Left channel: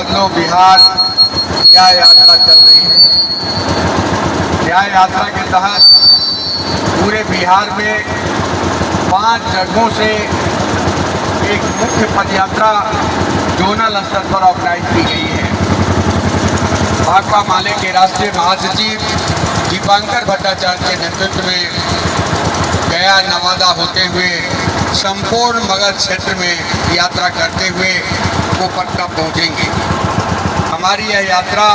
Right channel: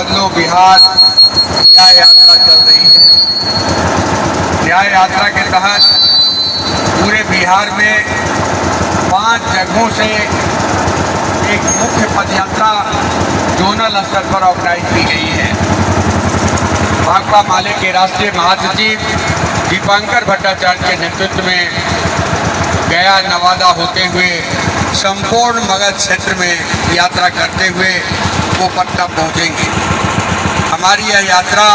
बदलो बिहार न्याय यात्रा चल रही है। न्याय यात्रा के तहत पूरे बिहार में 5 जगहों से एक मुख्य पदयात्रा जोनल स्तर पर ऑर्गेनाइज की गई है। भाकपा माले के राष्ट्रीय महासचिव दीपांकर भट्टाचार्य के नेतृत्व में गया नवादा होते हुए संपूर्ण मगध क्षेत्र में यात्रा करते हुए वो पटना पहुँचेंगे। हमारी यह यात्रा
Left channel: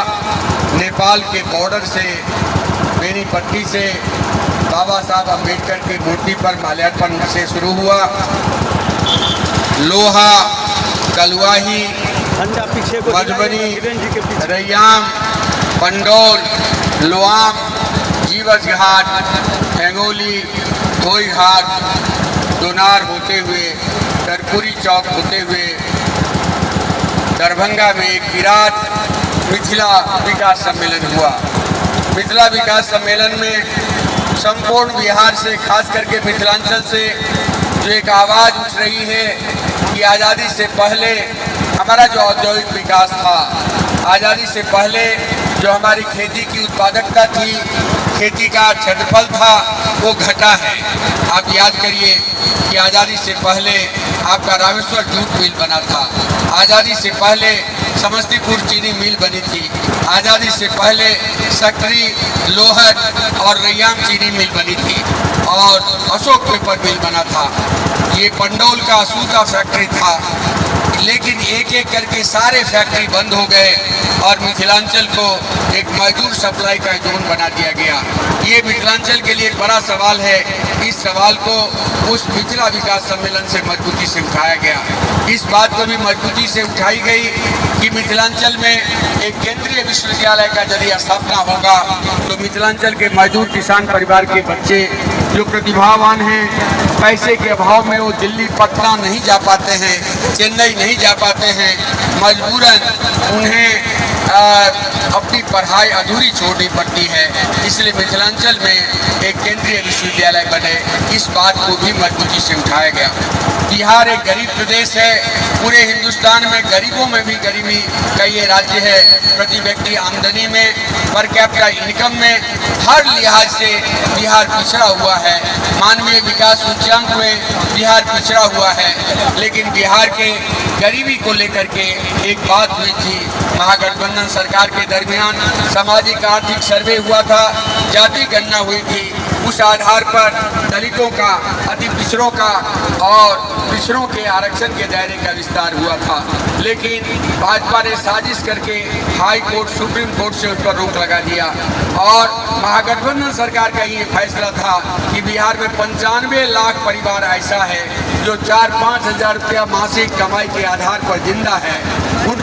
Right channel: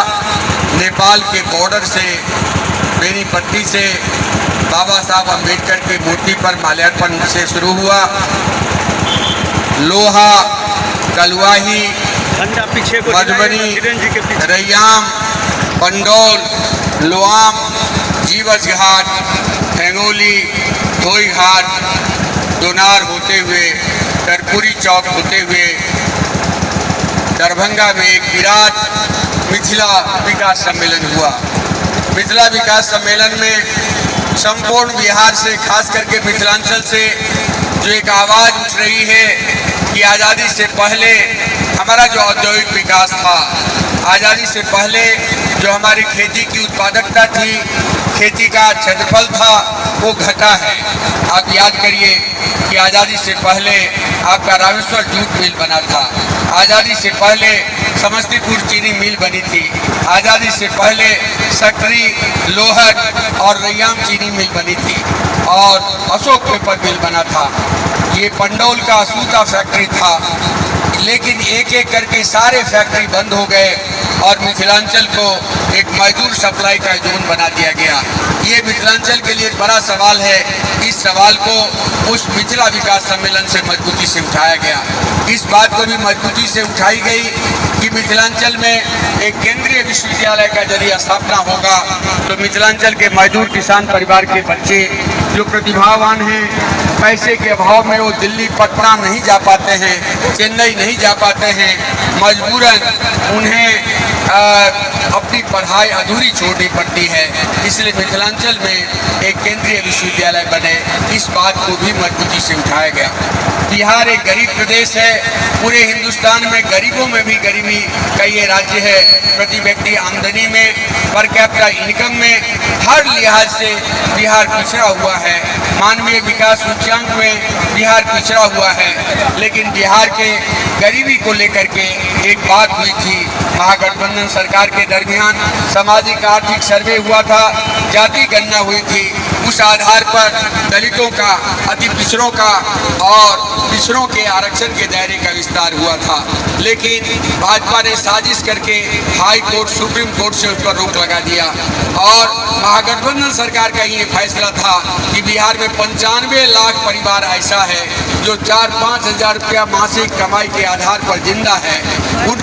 नेपाल के बॉर्डर से बेनीपट्टी से बाबा साहब अम्बेडकर की मूर्ति पर माल्यार्पण से शुरू हुआ। लोहा, दलुआही, मधुबनी, रैयाम, पंडौल, लोआम, जीवछ घाट, हेंगोली, धोई घाट, दोनार होते हुए कर्पूरी चौक होते हुए दरभंगा में एक विराट मिथिला विकास सम्मेलन हुआ। मिथिला विकास सम्मेलन में संपूर्ण बिहार से, खास करके मिथिलांचल से जो एक आवाज़ उठ रही है कि आज़ादी से पहले हमारा जो औद्योगिक विकास था, आज़ादी से पहले जो हमारी खेती की उत्पादकता थी, खेती का क्षेत्रफल था, वो घटा है। आप याद करिए कि आज़ादी से पहले आपका रामेश्वर जूट मिल बना था, आज़ादी से पहले समस्तीपुर चीनी मिल बनी थी, आज़ादी से पहले सकरी, लोहट और रैयाम चीनी मिल बनी थी और अशोक पेपर मिल बना था। ये पंडौल का सूखा फैक्ट्री था, लेकिन एक एक करके सारे फैक्ट्री बंद हो गए और मिथिलांचल को एक मजदूर सप्लाई का जोन बना दिया गया। ये मिथिलांचल के लिए एक बड़ा सवाल है। इस सवाल को उस मिथिला विकास सम्मेलन से मजबूती से उठाया गया। इस बात को भी मजबूती से उठाई गई कि मिथिलांचल में एक केंद्रीय विश्वविद्यालय का यदि स्थापना होगा तो मिथिलांचल के मजदूर किसान परिवार के बच्चे जो प्रतिभावान हैं, पैसे के अभाव में वो दिल्ली, पटना नहीं जा पाते हैं, चेन्नई नहीं जा पाते हैं, मजबूरन उन्हें अपनी पढ़ाई अधूरी छोड़नी पड़ती है। इसलिए मिथिलांचल में एक केंद्रीय विश्वविद्यालय बने, इस बात को भी मजबूती से उठाया गया। बिहार एक गरीब प्रदेश है। पूरे हिंदुस्तान में गरीबों में भी गरीबी का ये राज्य है। प्रति व्यक्ति आमदनी में, पर कैपिटा इनकम में, हर लिहाज से बिहार पिछड़ा हुआ है। मानवीय विकास सूचकांक में बिहार पिछड़ा हुआ है। लेकिन बिहार के गरीबी को लेकर के एक बात हुई थी, महागठबंधन सरकार के दरमियान सामाजिक आर्थिक सर्वे हुआ था, जाति गणना हुई थी। उस आधार पर दलितों का, अति पिछड़ों का और पिछड़ों के आरक्षण के दायरे का विस्तार हुआ था। लेकिन भाजपा ने साजिश करके हाई कोर्ट, सुप्रीम कोर्ट से उस पर रोक लगा दिया और महागठबंधन सरकार का ये फैसला था कि बिहार में 95 लाख परिवार ऐसा है जो 4-5 हज़ार रुपया मासिक कमाई के आधार पर जिंदा है। उन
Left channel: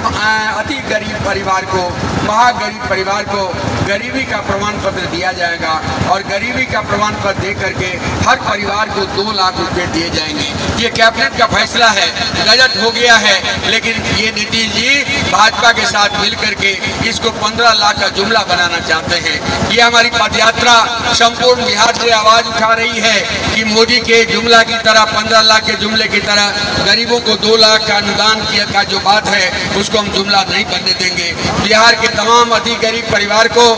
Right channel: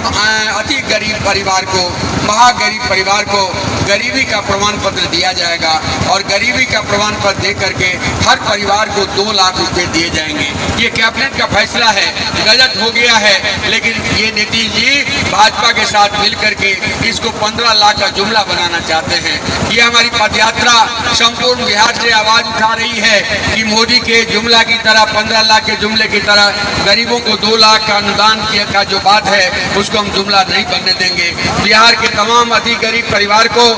अति गरीब परिवार को, महागरीब परिवार को गरीबी का प्रमाण पत्र दिया जाएगा और गरीबी का प्रमाण पत्र दे करके हर परिवार को 2 लाख रुपए दिए जाएंगे। ये कैबिनेट का फैसला है, गजट हो गया है, लेकिन ये नीतीश जी भाजपा के साथ मिलकर के इसको 15 लाख का जुमला बनाना चाहते हैं। ये हमारी पदयात्रा संपूर्ण बिहार से आवाज उठा रही है कि मोदी के जुमला की तरह, 15 लाख के जुमले की तरह गरीबों को 2 लाख का अनुदान किया का जो बात है उसको हम जुमला नहीं बनने देंगे। बिहार के तमाम अति गरीब परिवार को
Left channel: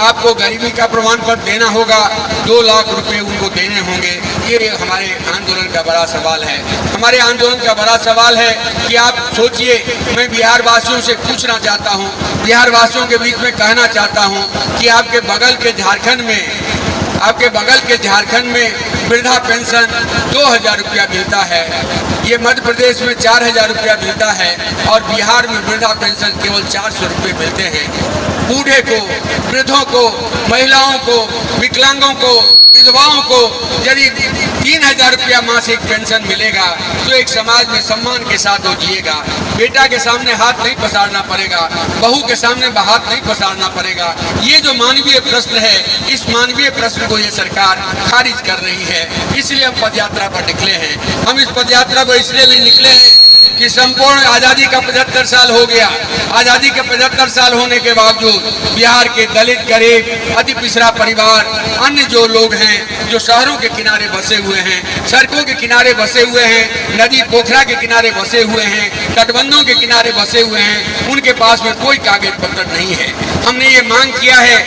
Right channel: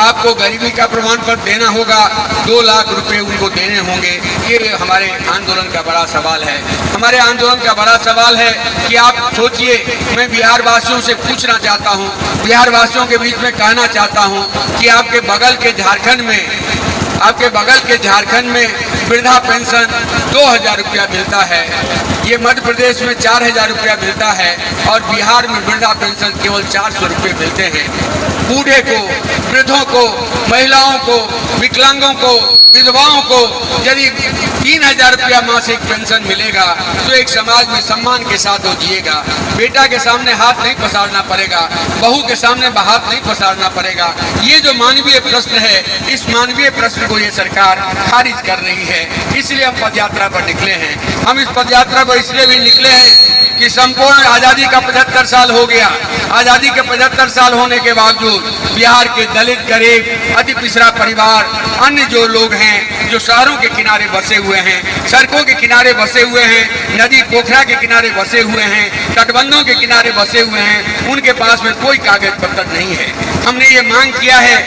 आपको गरीबी का प्रमाण पत्र देना होगा, 2 लाख रुपए उनको देने होंगे। ये हमारे आंदोलन का बड़ा सवाल है। हमारे आंदोलन का बड़ा सवाल है कि आप सोचिए, मैं बिहार वासियों से पूछना चाहता हूँ, बिहार वासियों के बीच में कहना चाहता हूँ कि आपके बगल के झारखंड में वृद्धा पेंशन 2,000 रुपया मिलता है। ये मध्य प्रदेश में 4,000 रुपया मिलता है और बिहार में वृद्धा पेंशन केवल 400 रुपये मिलते हैं। बूढ़े को, वृद्धों को, महिलाओं को, विकलांगों को, विधवाओं को यदि 3,000 रुपया मासिक पेंशन मिलेगा तो एक समाज में सम्मान के साथ वो जिएगा। बेटा के सामने हाथ नहीं पसारना पड़ेगा, बहू के सामने हाथ नहीं पसारना पड़ेगा। ये जो मानवीय प्रश्न है, इस मानवीय प्रश्न को ये सरकार खारिज कर रही है। इसलिए हम पदयात्रा पर निकले हैं। हम इस पदयात्रा पर इसलिए भी निकले हैं कि संपूर्ण आज़ादी का 75 साल हो गया। आज़ादी के 75 साल होने के बावजूद बिहार के दलित, गरीब, अति पिछड़ा परिवार, अन्य जो लोग हैं जो शहरों के किनारे बसे हुए हैं, सड़कों के किनारे बसे हुए हैं, नदी पोखरा के किनारे बसे हुए हैं, तटबंधों के किनारे बसे हुए हैं, उनके पास में कोई कागज पत्र नहीं है। हमने ये मांग किया है